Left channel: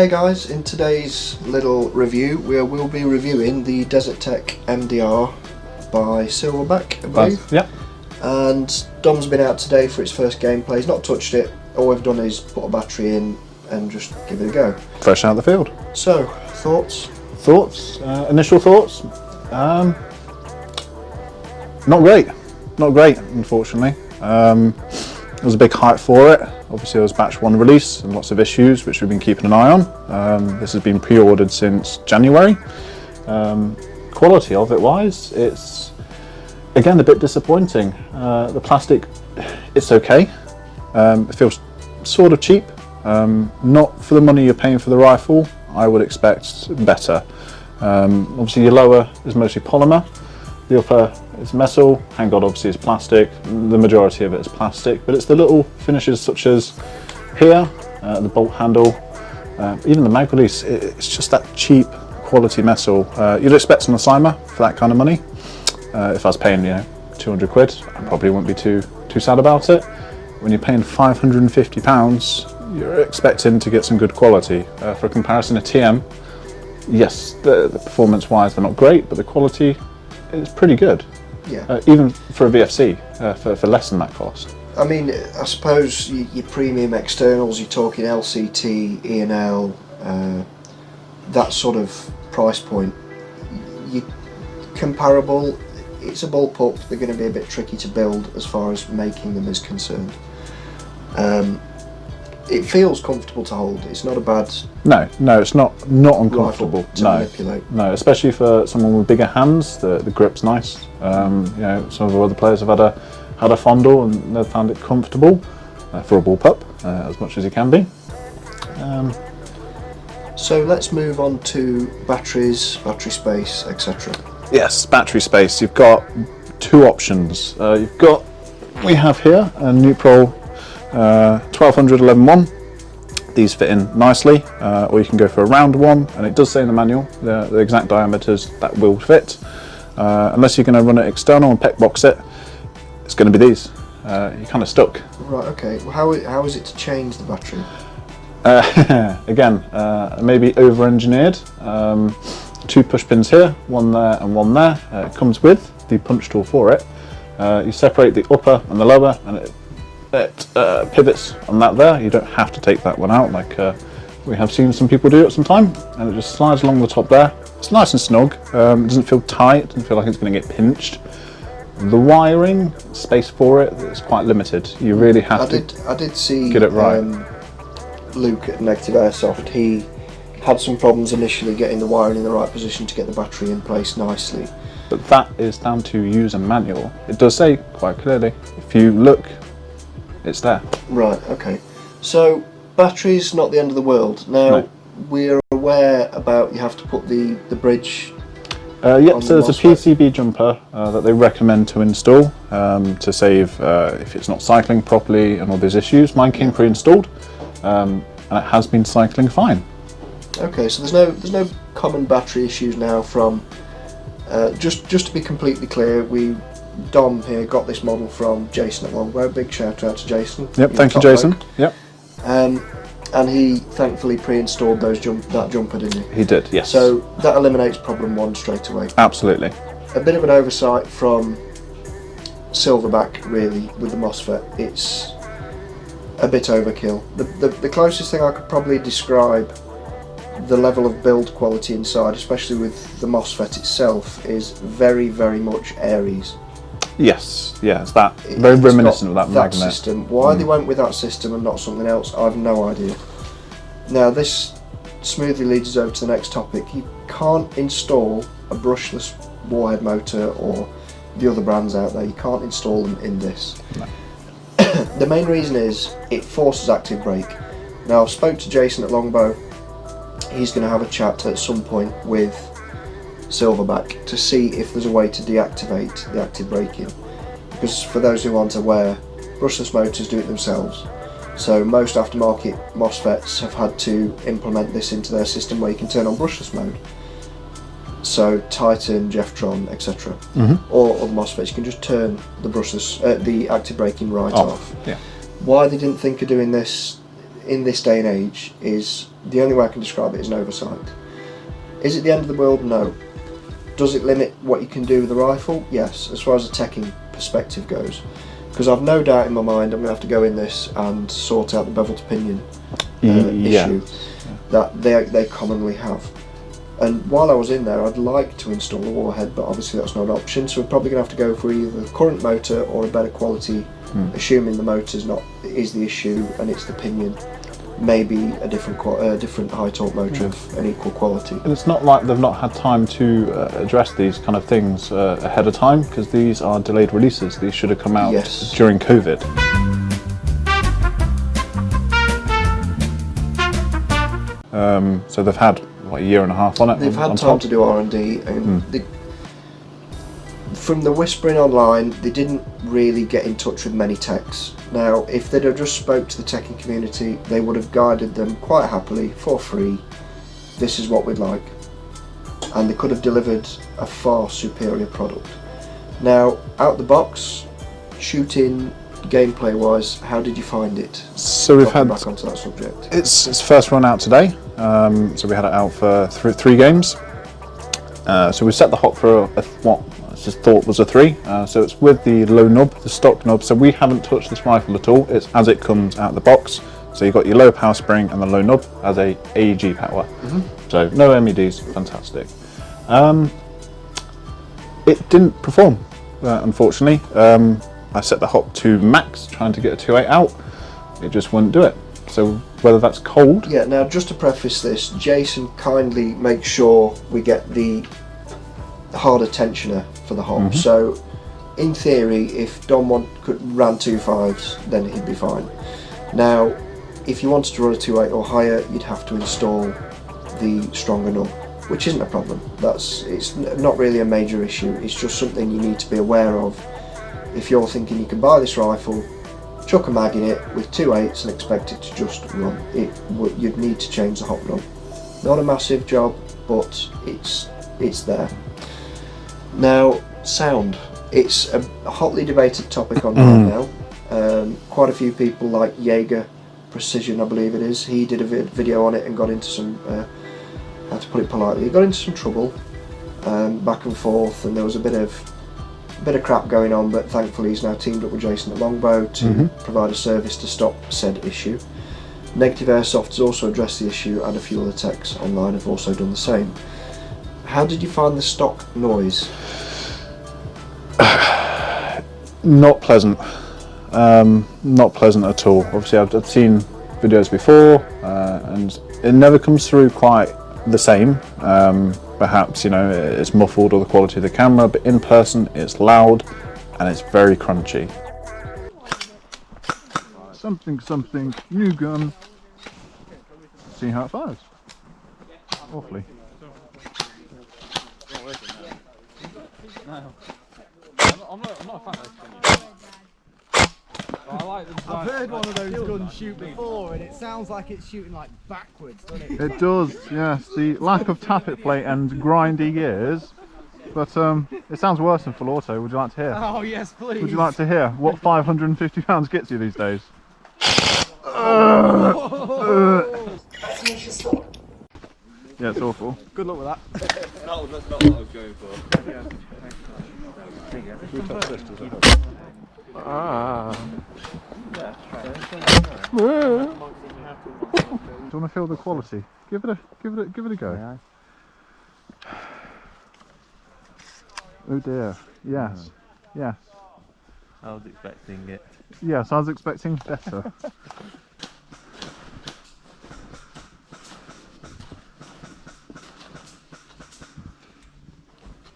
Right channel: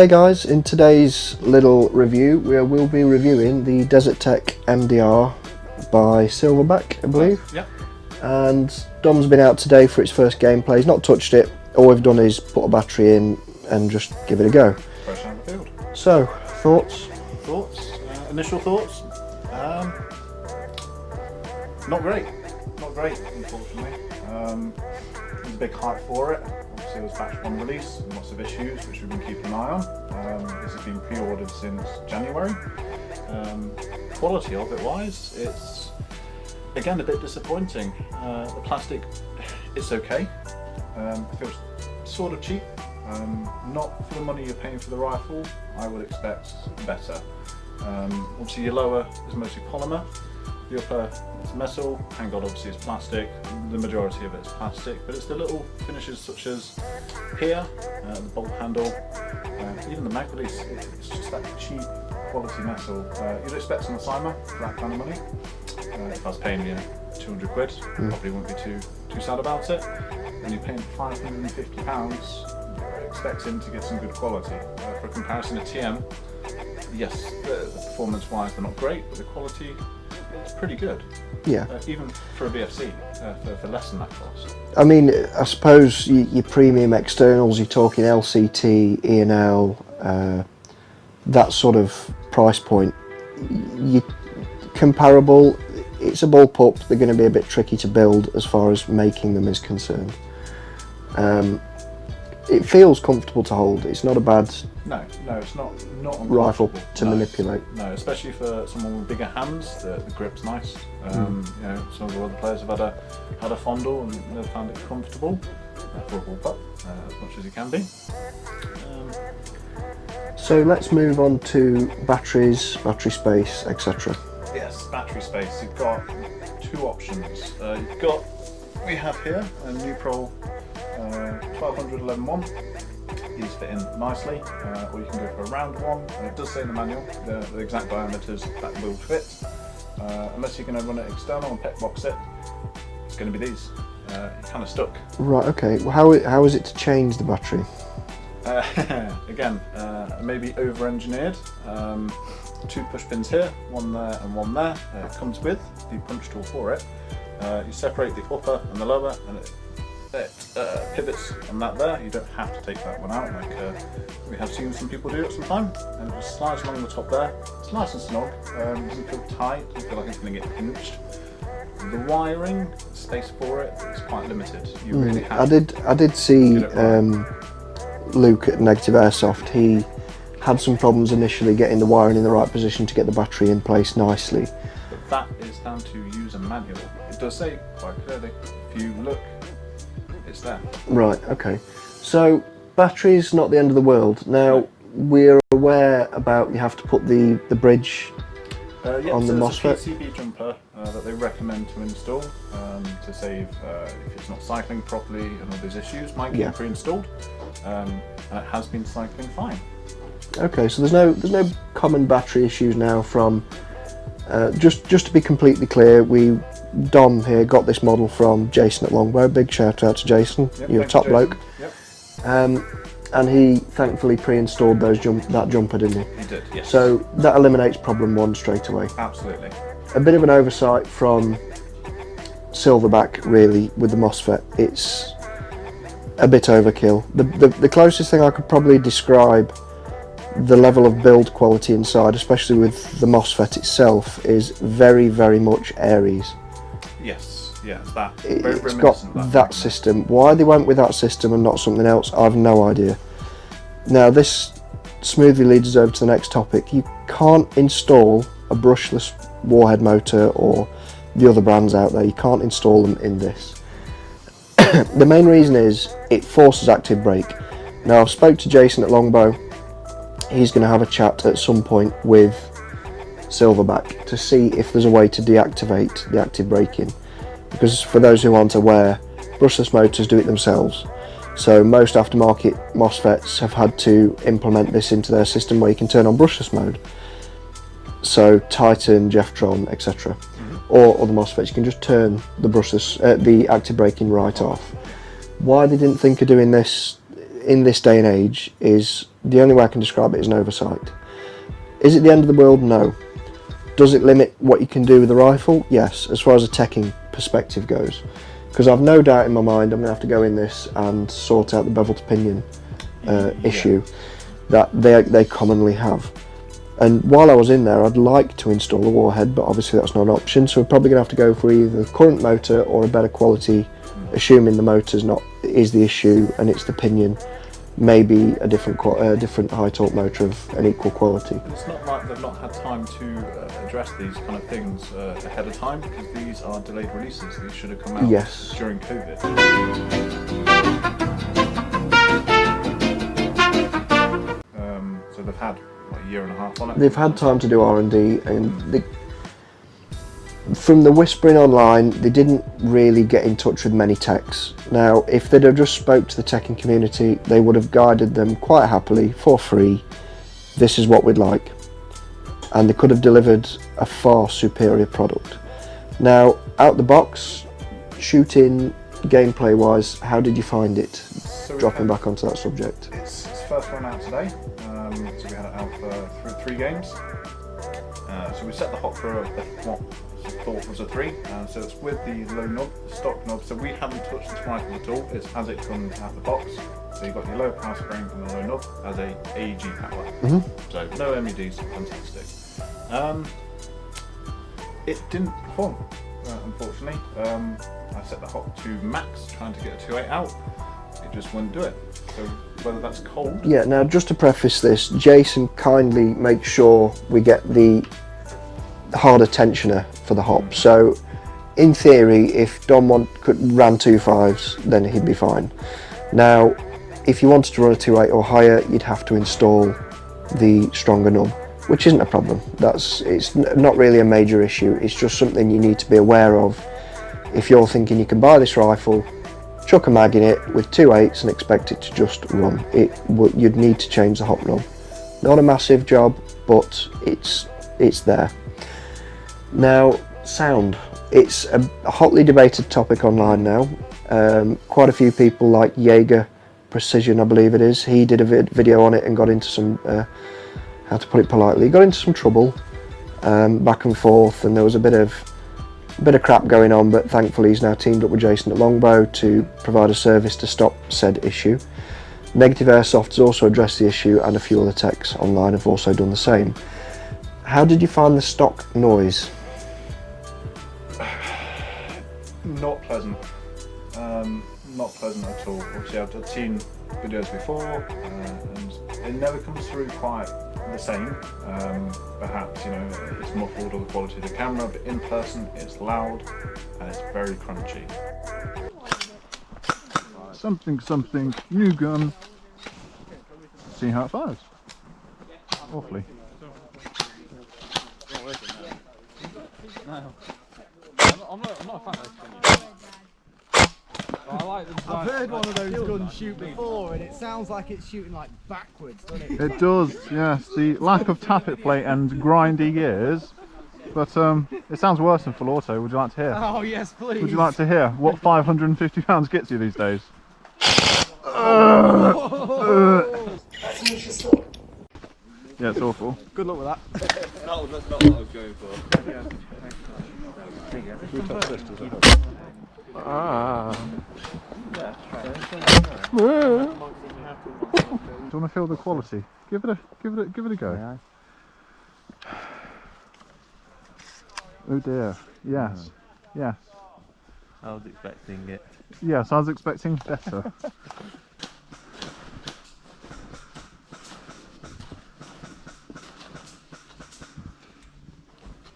Hey guys, in today's little review we will be reviewing the Desert Tech MDR by Silverback, I believe. Yep. And Dom's been out today for its first gameplay. He's not touched it. All we've done is put a battery in and just give it a go. Fresh out of the field. So, thoughts? Initial thoughts? Not great. Not great, unfortunately. There was a big hype for it. Obviously it was batch 1 release and lots of issues which we've been keeping an eye on. This has been pre-ordered since January. Quality of it wise, it's again a bit disappointing. The plastic, it's okay. It feels sort of cheap. Not for the money you're paying for the rifle. I would expect better. Obviously your lower is mostly polymer. The upper is metal, handguard obviously is plastic, the majority of it is plastic, but it's the little finishes such as here, the bolt handle, even the mag release, it's just that cheap quality metal. You'd expect on a Cyma for that kind of money. If I was paying, 200 quid, I probably wouldn't be too sad about it. When you're paying £550, you're expecting to get some good quality. For comparison, a TM, yes, the performance-wise they're not great, but the quality, it's pretty good. Yeah. Even for a VFC, for less than that cost. I mean, I suppose your premium externals, you're talking LCT, E&L, that sort of price point. Comparable, it's a bullpup, they're going to be a bit tricky to build as far as making them is concerned. It feels comfortable to hold. It's not a bad. No, it's not uncomfortable to manipulate. No, especially for someone with bigger hands. The grip's nice. Some of the other players have had a fondle and they've found it comfortable for a bullpup as much as it can be. So let's move on to batteries, battery space, etc. Yes, battery space. You've got two options. We have here a Nuprol 1200 11-1. These fit in nicely, or you can go for a round one, and it does say in the manual the exact diameters that will fit. Unless you're going to run it external and pec box it, it's going to be these. You're kind of stuck. Right, okay. Well, how is it to change the battery? Again, maybe over-engineered. 2 push pins here, one there and one there. It comes with the punch tool for it. You separate the upper and the lower, and it pivots on that there. You don't have to take that one out like we have seen some people do at some time, and it just slides along the top there. It's nice and snug. It doesn't feel tight, doesn't feel like it's going to get pinched. The wiring space for it is quite limited. You really have I did see get it right. Luke at Negative Airsoft. He had some problems initially getting the wiring in the right position to get the battery in place nicely. But that is down to user manual. It does say quite clearly, if you look, it's there. Right, okay. So, battery's not the end of the world. Now, No. We're aware about you have to put the bridge Yep, so there's a PCB jumper that they recommend to install to save if it's not cycling properly and all those issues. Mine came pre-installed and it has been cycling fine. Okay, so there's no common battery issues now from, just to be completely clear, Dom here got this model from Jason at Longbow. Big shout out to Jason. Yep, thank you, Jason. Yep. And he thankfully pre-installed that jumper, didn't he? He did, yes. So that eliminates problem 1 straight away. Absolutely. A bit of an oversight from Silverback, really, with the MOSFET. It's a bit overkill. The closest thing I could probably describe the level of build quality inside, especially with the MOSFET itself, is very, very much Aries. Yes, it's that very reminiscent of that magnet system. Why they went with that system and not something else, I've no idea. Now this smoothly leads us over to the next topic. You can't install a brushless warhead motor or the other brands out there. You can't install them in this. No. The main reason is it forces active brake. Now I've spoke to Jason at Longbow. He's going to have a chat at some point with Silverback to see if there's a way to deactivate the active braking, because for those who aren't aware, brushless motors do it themselves. So most aftermarket MOSFETs have had to implement this into their system where you can turn on brushless mode. So Titan, Jeftron, etc. Or other MOSFETs, you can just turn the brushless, the active braking right off. Yeah. Why they didn't think of doing this in this day and age is, the only way I can describe it is an oversight. Is it the end of the world? No. Does it limit what you can do with the rifle? Yes, as far as a teching perspective goes. Because I've no doubt in my mind I'm going to have to go in this and sort out the bevel to pinion issue that they commonly have. And while I was in there, I'd like to install a warhead, but obviously that's not an option, so we're probably going to have to go for either the current motor or a better quality, assuming the motor's not is the issue and it's the pinion. Maybe a different high torque motor of an equal quality. And it's not like they've not had time to address these kind of things ahead of time, because these are delayed releases. These should have come out during COVID. So they've had what, a year and a half on it. They've had time to do R&D, and from the whispering online, they didn't really get in touch with many techs. Now, if they'd have just spoke to the teching community, they would have guided them quite happily for free. This is what we'd like, and they could have delivered a far superior product. Now, out the box, shooting, gameplay wise, how did you find it? So we've had back onto that subject. It's first run out today. So we had it out for three games. So we set the hop for what I just thought was a 3. So it's with the low knob, the stock knob. So we haven't touched this rifle at all. It's as it comes out of the box. So you've got your low power spring and the low knob as a AEG power. So no MEDs, fantastic. It didn't perform, unfortunately. I set the hop to max, trying to get a 2.8 out. It just wouldn't do it. So whether that's cold. Yeah, now just to preface this, Jason kindly makes sure we get the harder tensioner for the hop. So in theory, if Dom ran 2.5s, then he'd be fine. Now, if you wanted to run a 2.8 or higher, you'd have to install the stronger knob, which isn't a problem. It's not really a major issue. It's just something you need to be aware of. If you're thinking you can buy this rifle, chuck a mag in it with 2.8s and expect it to just run, you'd need to change the hop knob. Not a massive job, but it's there. Now, sound. It's a hotly debated topic online now. Quite a few people, like Jaeger Precision, I believe it is, he did a video on it and got into some, how to put it politely, got into some trouble, back and forth, and there was a bit of crap going on, but thankfully he's now teamed up with Jason at Longbow to provide a service to stop said issue. Negative Airsoft has also addressed the issue, and a few other techs online have also done the same. How did you find the stock noise? Not pleasant. Not pleasant at all. Obviously I've seen videos before, and it never comes through quite the same. Perhaps, you know, it's muffled or the quality of the camera, but in person it's loud and it's very crunchy. Something, new gun. See how it fires. Awfully. No. I'm not a fan of this gun. I like the design. I've heard one of those guns shoot before, and it sounds like it's shooting like backwards, doesn't it? It does, yes. The lack of tappet plate and grindy gears, but it sounds worse than full auto. Would you like to hear? Oh yes, please. Would you like to hear what 550 pounds gets you these days? Yeah, it's awful. Good luck with that. That's not what I was going for. Should we touch this? Does it help? Do you want to feel the quality? Give it a go. Yeah. Oh dear. Yes. Yes. I was expecting it. Yes, I was expecting better. A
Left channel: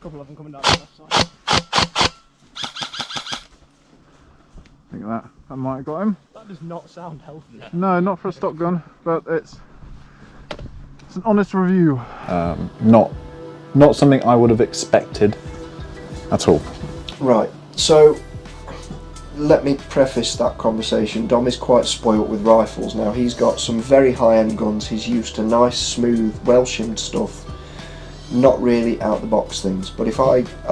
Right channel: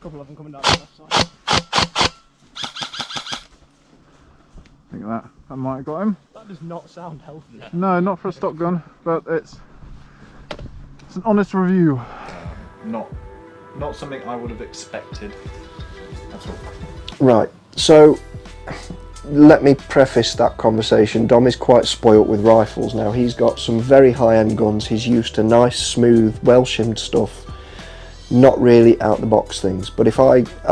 couple of them coming down the left side. I think that might have got him. That does not sound healthy. No, not for a stock gun, but it's an honest review. Not something I would have expected at all. Right, so let me preface that conversation. Dom is quite spoilt with rifles now. He's got some very high-end guns. He's used to nice, smooth, well-shimmed stuff, not really out-the-box things. But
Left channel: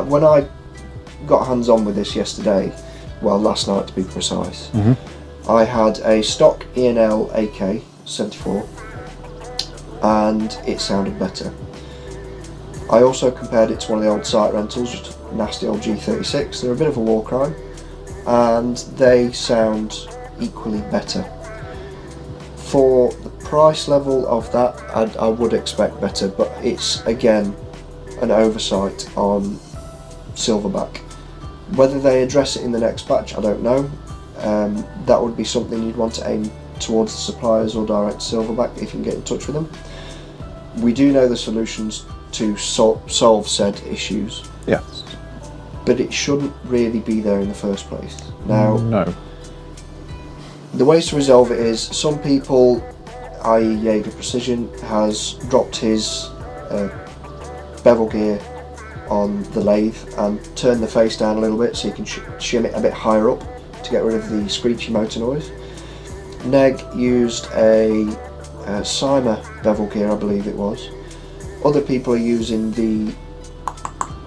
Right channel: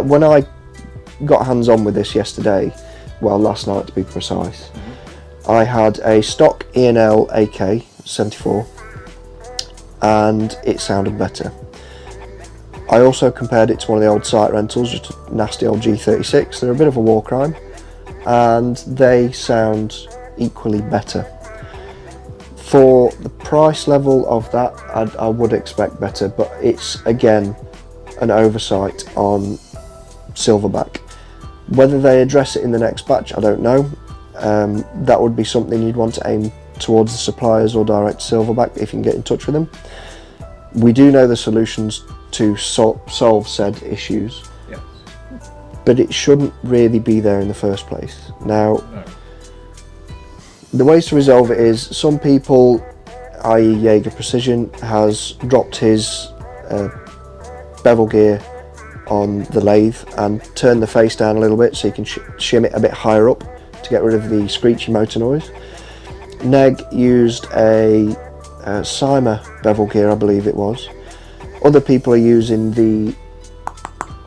when I got hands-on with this yesterday, well, last night to be precise, I had a stock E&L AK, 74, and it sounded better. I also compared it to one of the old site rentals, just a nasty old G36. They're a bit of a war crime, and they sound equally better. For the price level of that, I would expect better, but it's again an oversight on Silverback. Whether they address it in the next batch, I don't know. That would be something you'd want to aim towards the suppliers or direct Silverback if you can get in touch with them. We do know the solutions to solve said issues, Yeah. but it shouldn't really be there in the first place. Now, No. the ways to resolve it is some people, i.e. Jaeger Precision, has dropped his bevel gear on the lathe and turned the face down a little bit so you can shim it a bit higher up to get rid of the screechy motor noise. Neg used a Cyma bevel gear, I believe it was. Other people are using the,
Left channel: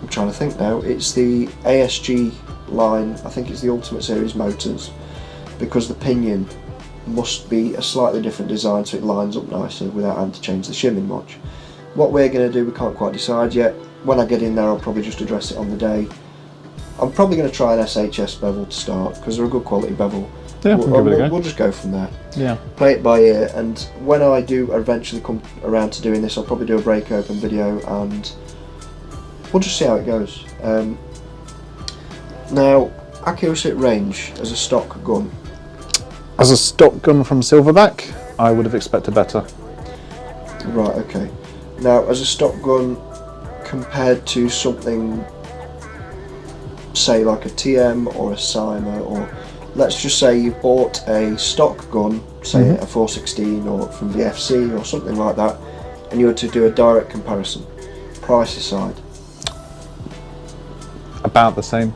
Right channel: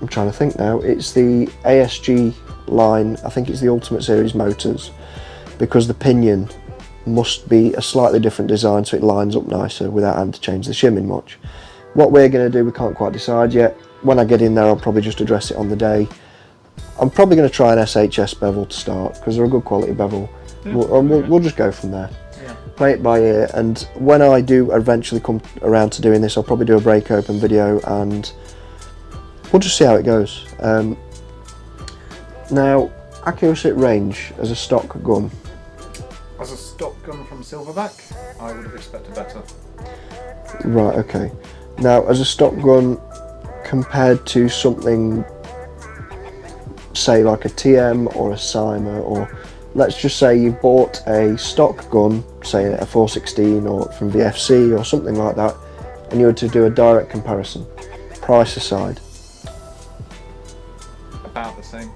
I'm trying to think now, it's the ASG line, I think it's the Ultimate Series motors, because the pinion must be a slightly different design so it lines up nicer without having to change the shimming much. What we're going to do, we can't quite decide yet. When I get in there, I'll probably just address it on the day. I'm probably going to try an SHS bevel to start, because they're a good quality bevel. Yeah, We'll just go from there. Yeah. Play it by ear, and when I do eventually come around to doing this, I'll probably do a break open video and we'll just see how it goes. Now, accuracy at range as a stock gun. As a stock gun from Silverback, I would have expected better. Right, okay. Now, as a stock gun compared to something, say like a TM or a Cyma, or let's just say you bought a stock gun, say a 416 or from the FC or something like that, and you were to do a direct comparison, price aside. About the same.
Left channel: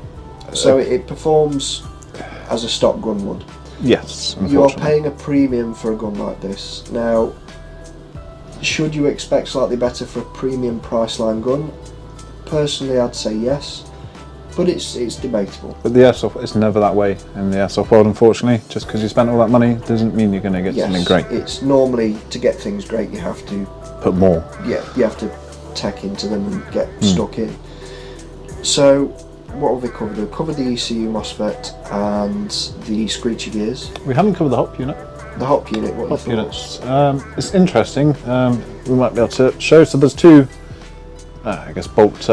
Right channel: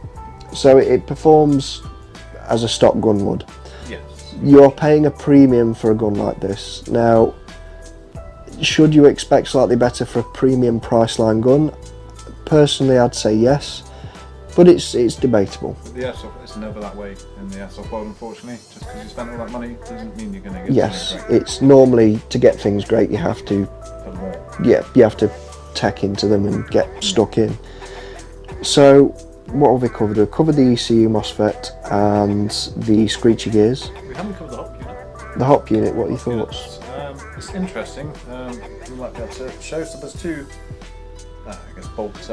So it performs as a stock gun would. Yes. You're unfortunately. paying a premium for a gun like this. Now, should you expect slightly better for a premium price line gun? Personally, I'd say yes, but it's debatable. But the airsoft, it's never that way in the airsoft world, unfortunately. Just because you spent all that money doesn't mean you're going to get something great. It's normally, to get things great, you have to, Put more. you have to tech into them and get stuck in. So, what have we covered? We've covered the ECU MOSFET and the screechy gears. We haven't covered the hop unit. The hop unit, what are your Hop thoughts? units. It's interesting. We might be able to show. So there's two, I guess, bolt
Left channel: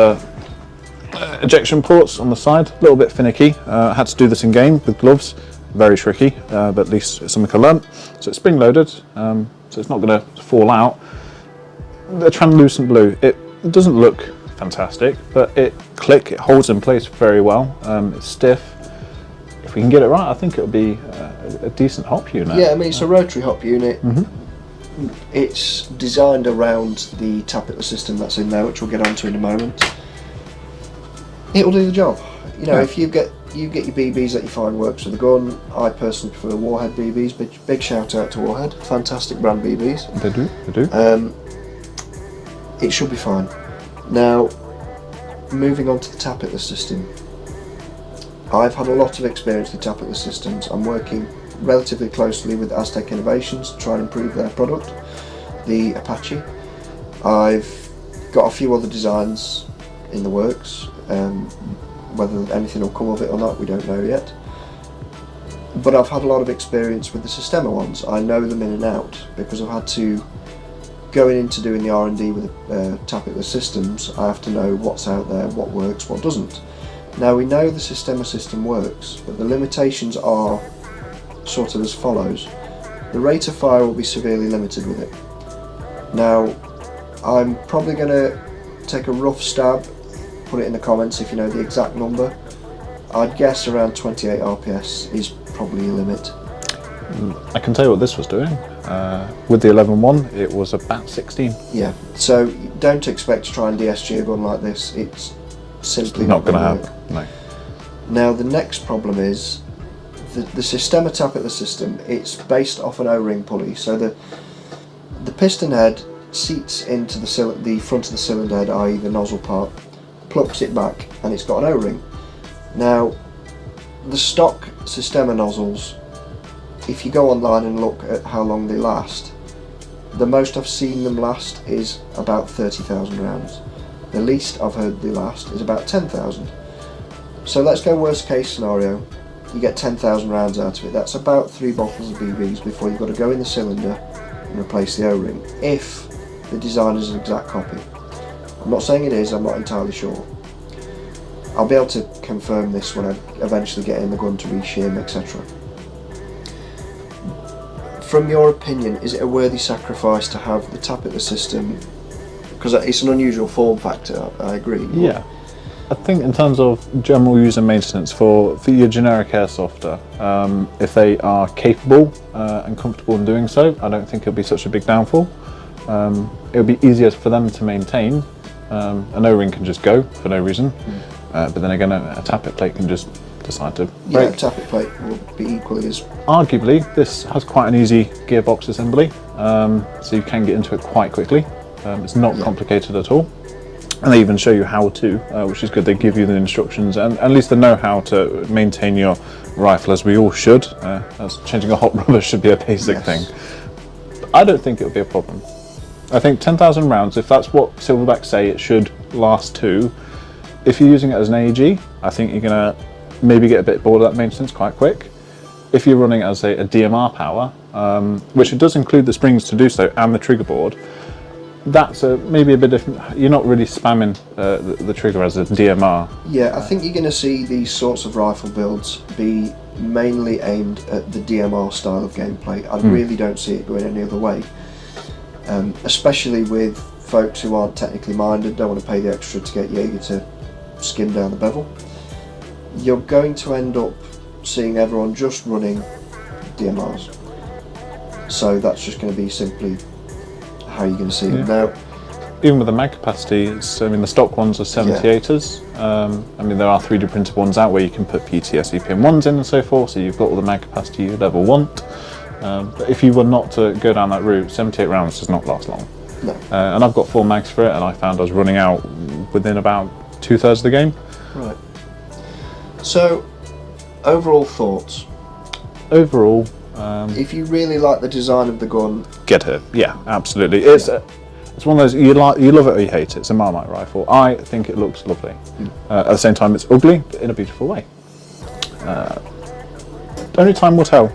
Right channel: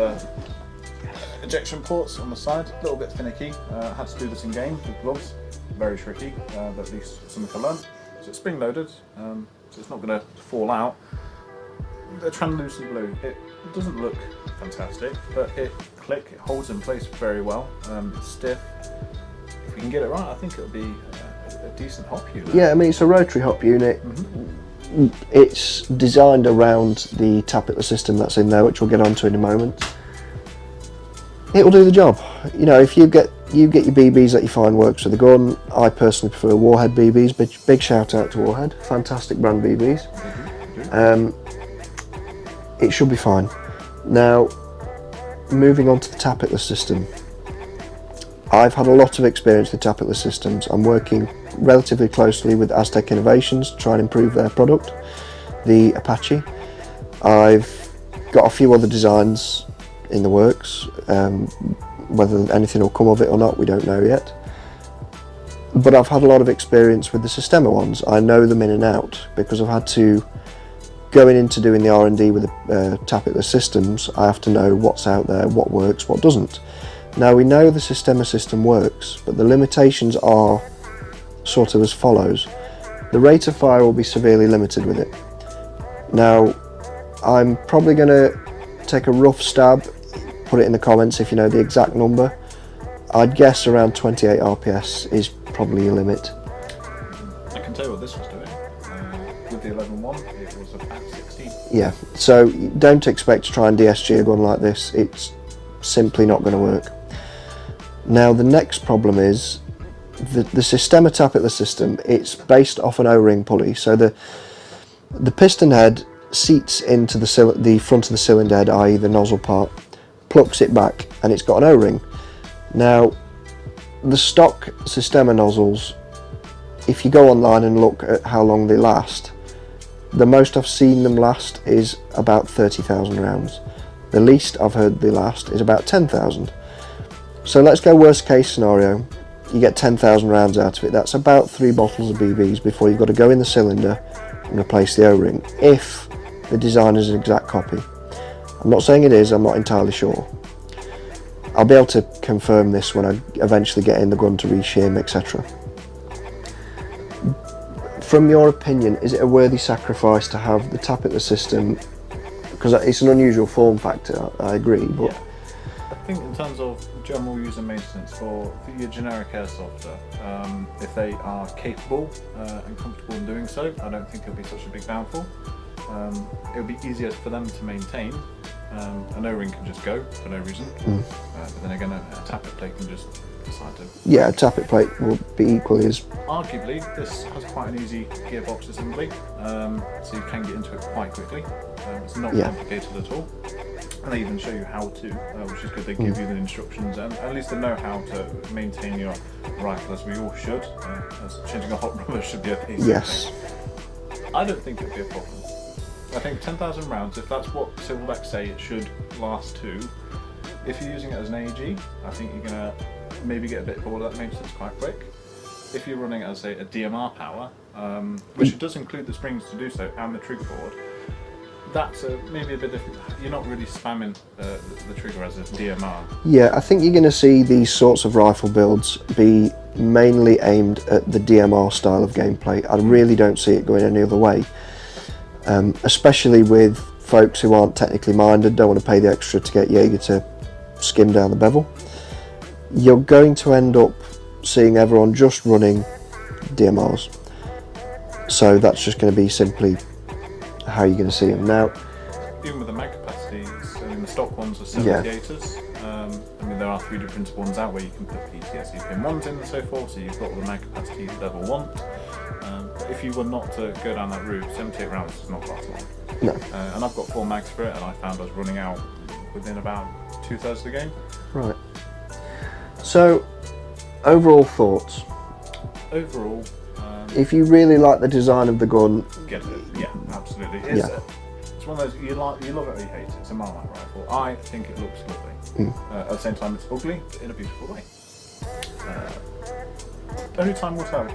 ejection ports on the side. A little bit finicky. I had to do this in game with gloves. Very tricky, but at least it's something I learned. So it's spring loaded, so it's not going to fall out. The translucent blue. It doesn't look fantastic, but it holds in place very well. It's stiff. If we can get it right, I think it'll be a decent hop unit. Yeah, I mean, it's a rotary hop unit. It's designed around the tappet system that's in there, which we'll get onto in a moment. It'll do the job. You know, if you get your BBs that you find works with the gun. I personally prefer Warhead BBs. Big shout out to Warhead, fantastic brand BBs. They do. It should be fine. Now, moving on to the tappet system. I've had a lot of experience with tappet systems. I'm working relatively closely with Aztec Innovations to try and improve their product, the Apache. I've got a few other designs in the works. Whether anything will come of it or not, we don't know yet. But I've had a lot of experience with the Sistema ones. I know them in and out because I've had to, going into doing the R&D with the tappet systems, I have to know what's out there, what works, what doesn't. Now we know the Sistema system works, but the limitations are sort of as follows. The rate of fire will be severely limited with it. Now, I'm probably going to take a rough stab, put it in the comments if you know the exact number. I'd guess around 28 RPS is probably a limit. I can tell you what this was doing. With the 11.1, it was about 16. Yeah, so don't expect to try and DSG a gun like this. It's simply not going to work. No. Now the next problem is the Sistema tappet system. It's based off an O-ring pulley, so the piston head seats into the front of the cylinder head, i.e. the nozzle part, plucks it back, and it's got an O-ring. Now the stock Sistema nozzles, if you go online and look at how long they last, The most I've seen them last is about 30,000 rounds. The least I've heard they last is about 10,000. So let's go worst case scenario. You get 10,000 rounds out of it. That's about 3 bottles of BBs before you've got to go in the cylinder and replace the O-ring, if the design is an exact copy. I'm not saying it is, I'm not entirely sure. I'll be able to confirm this when I eventually get in the gun to reshim, etc. From your opinion, is it a worthy sacrifice to have the tappet system? Because it's an unusual form factor, I agree. Yeah. I think in terms of general user maintenance for your generic airsofter, if they are capable and comfortable in doing so, I don't think it'll be such a big downfall. It'll be easier for them to maintain. An O-ring can just go for no reason, but then again a tappet plate can just decide to break. Yeah, a tappet plate would be equally as... Arguably, this has quite an easy gearbox assembly, so you can get into it quite quickly. It's not complicated at all. And they even show you how to, which is good. They give you the instructions and at least they know how to maintain your rifle, as we all should. As changing a hot rubber should be a basic thing. I don't think it'll be a problem. I think 10,000 rounds, if that's what Silverback say it should last to, if you're using it as an AEG, I think you're going to maybe get a bit bored of that maintenance quite quick. If you're running it as a DMR power, which it does include the springs to do so and the trigger board, that's maybe a bit different. You're not really spamming the trigger as a DMR. Yeah, I think you're going to see these sorts of rifle builds be mainly aimed at the DMR style of gameplay. I really don't see it going any other way. Especially with folks who aren't technically minded, don't want to pay the extra to get Jaeger to skim down the bevel. You're going to end up seeing everyone just running DMRs. So that's just going to be simply how you're going to see it now. Even with the mag capacity, the stock ones are 78ers. There are 3D printed ones out where you can put PTS EPM1s in and so forth, so you've got all the mag capacity you ever want. But if you were not to go down that route, 78 rounds does not last long. No. And I've got 4 mags for it, and I found I was running out within about 2/3 of the game. Right. So, overall thoughts? Overall, if you really like the design of the gun, get it. Yeah, absolutely. It's one of those, you love it or you hate it. It's a Marmite rifle. I think it looks lovely. At the same time, it's ugly, but in a beautiful way. Only time will tell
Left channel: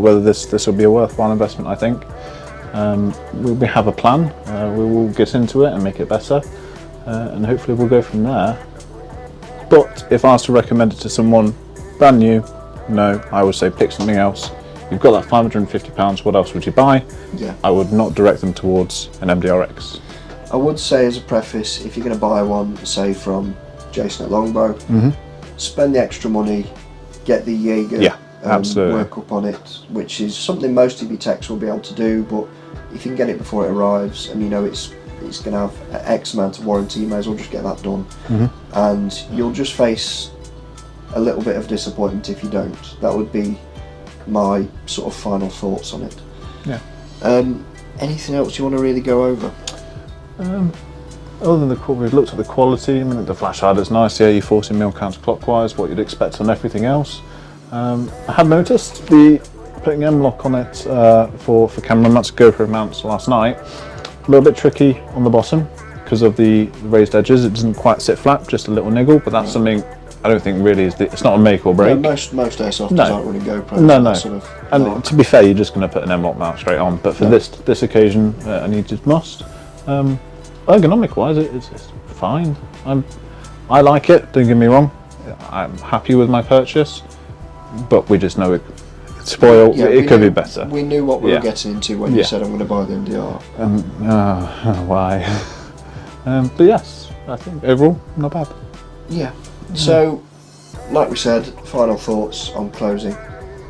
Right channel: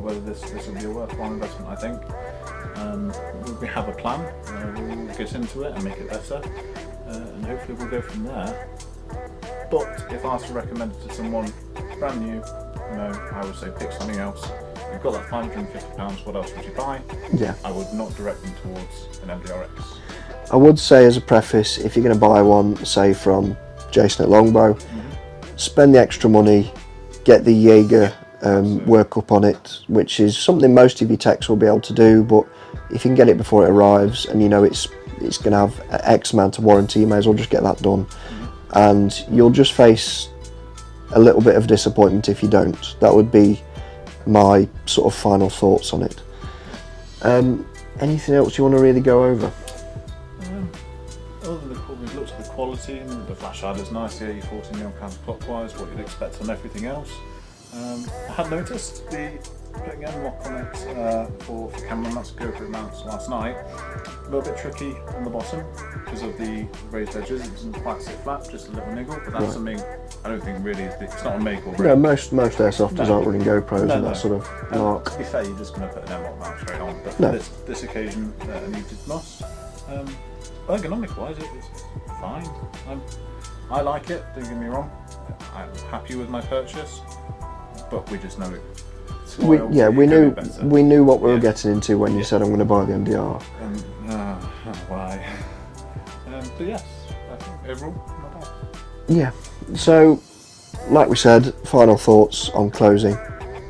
whether this will be a worthwhile investment, I think. We have a plan. We will get into it and make it better, and hopefully we'll go from there. But if I was to recommend it to someone brand new, no, I would say pick something else. You've got that £550, what else would you buy? Yeah. I would not direct them towards an MDRX. I would say as a preface, if you're going to buy one, say from Jason at Longbow, spend the extra money, get the Jaeger work up on it, which is something most of your techs will be able to do, but if you can get it before it arrives and you know it's going to have X amount of warranty, you may as well just get that done. And you'll just face a little bit of disappointment if you don't. That would be my sort of final thoughts on it. Anything else you want to really go over? Other than we've looked at the quality. The flash hider's nice. Yeah, you're 40 mil counterclockwise, what you'd expect on everything else. I had noticed putting M-lock on it for camera mounts, GoPro mounts last night. A little bit tricky on the bottom because of the raised edges. It doesn't quite sit flat, just a little niggle, but that's something I don't think really it's not a make or break. Yeah, most airsofters aren't running GoPros. No. Sort of and to be fair, you're just going to put an M-lock mount straight on. But for this occasion, I needed must. Ergonomic wise, it's fine. I like it. Don't get me wrong. I'm happy with my purchase, but we just know it. Spoiled. It could be better. We knew what we were getting into when you said I'm going to buy the MDR. Why? But yes, I think overall not bad. Yeah. So, like we said, final thoughts on closing.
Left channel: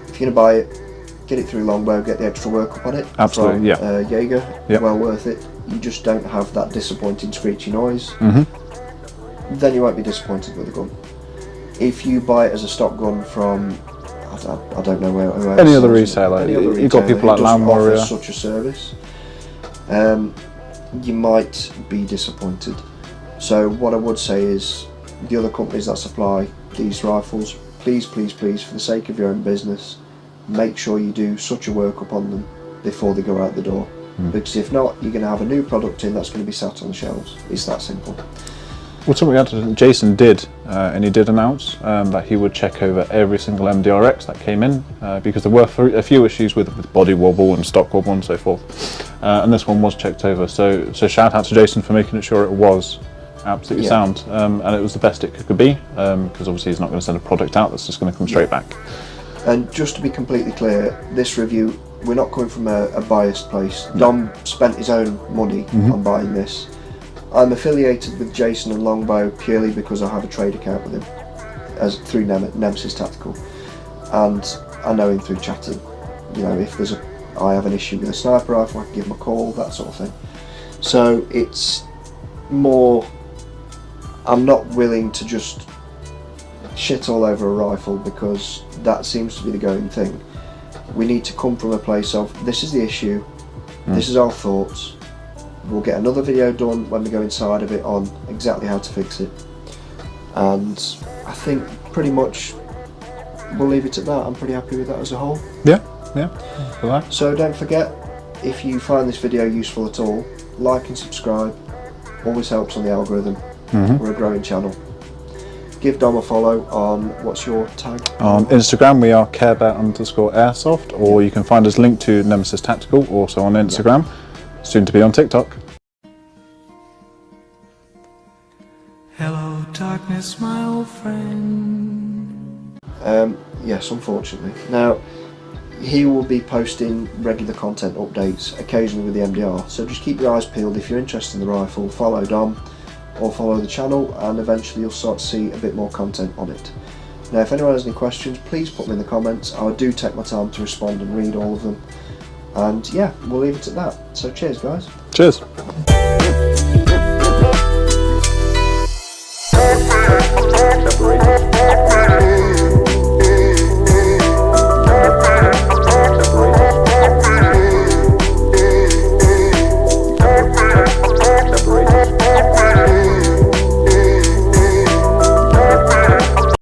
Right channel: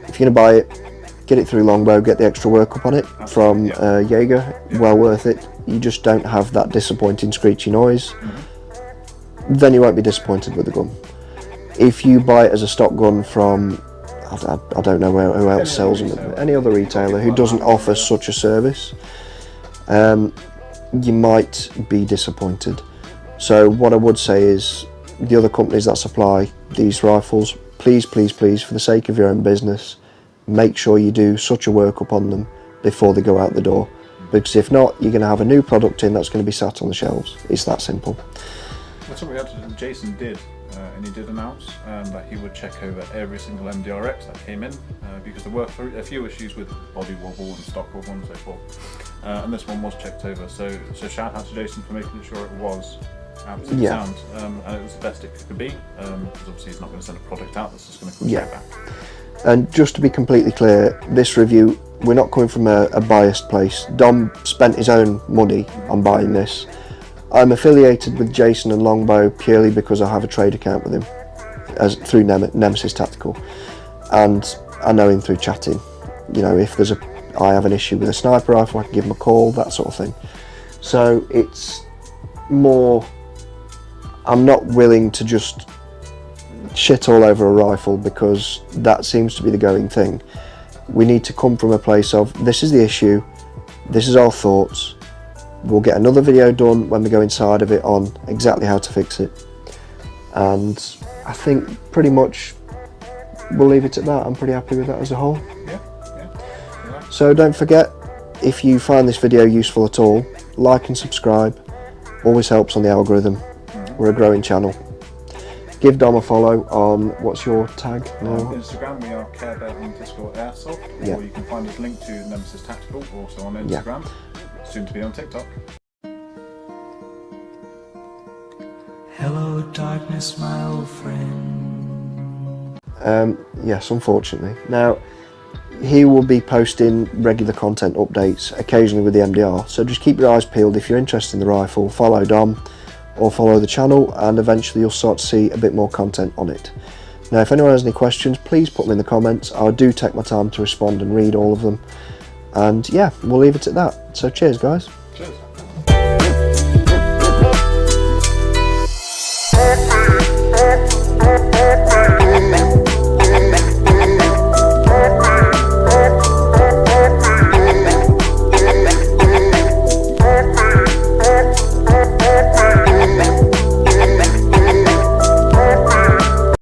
If you're going to buy it, get it through Longbow, get the extra work up on it from Jaeger. Well worth it. You just don't have that disappointing screechy noise. Then you won't be disappointed with the gun. If you buy it as a stock gun from, I don't know who else. Any other retailer. Any other retailer who doesn't offer such a service, you might be disappointed. So what I would say is, the other companies that supply these rifles, please, please, please, for the sake of your own business, make sure you do such a workup on them before they go out the door. Because if not, you're going to have a new product in that's going to be sat on the shelves. It's that simple. Well, something else Jason did, and he did announce that he would check over every single MDRX that came in, because there were a few issues with body wobble and stock wobble and so forth, and this one was checked over. So shout out to Jason for making sure it was absolutely sound, and it was the best it could be, because obviously he's not going to send a product out that's just going to come straight back. And just to be completely clear, this review, we're not coming from a biased place. Dom spent his own money on buying this. I'm affiliated with Jason and Longbow purely because I have a trade account with him through Nemesis Tactical, and I know him through chatting. You know, if I have an issue with a sniper rifle, I can give him a call, that sort of thing. So it's more, I'm not willing to just shit all over a rifle because that seems to be the going thing. We need to come from a place of, this is the issue, this is our thoughts. We'll get another video done when we go inside of it on exactly how to fix it. And I think pretty much we'll leave it at that. I'm pretty happy with that as a whole. Yeah. For that. So don't forget, if you find this video useful at all, like and subscribe. Always helps on the algorithm. We're a growing channel. Give Dom a follow on, what's your tag? On Instagram we are carebear_airsoft, or you can find us linked to Nemesis Tactical, also on Instagram. Soon to be on TikTok. Hello darkness, my old friend. Yes, unfortunately. Now, he will be posting regular content updates, occasionally with the MDR, so just keep your eyes peeled. If you're interested in the rifle, follow Dom or follow the channel, and eventually you'll start to see a bit more content on it. Now, if anyone has any questions, please put them in the comments. I do take my time to respond and read all of them. And yeah, we'll leave it at that. So cheers, guys. Cheers.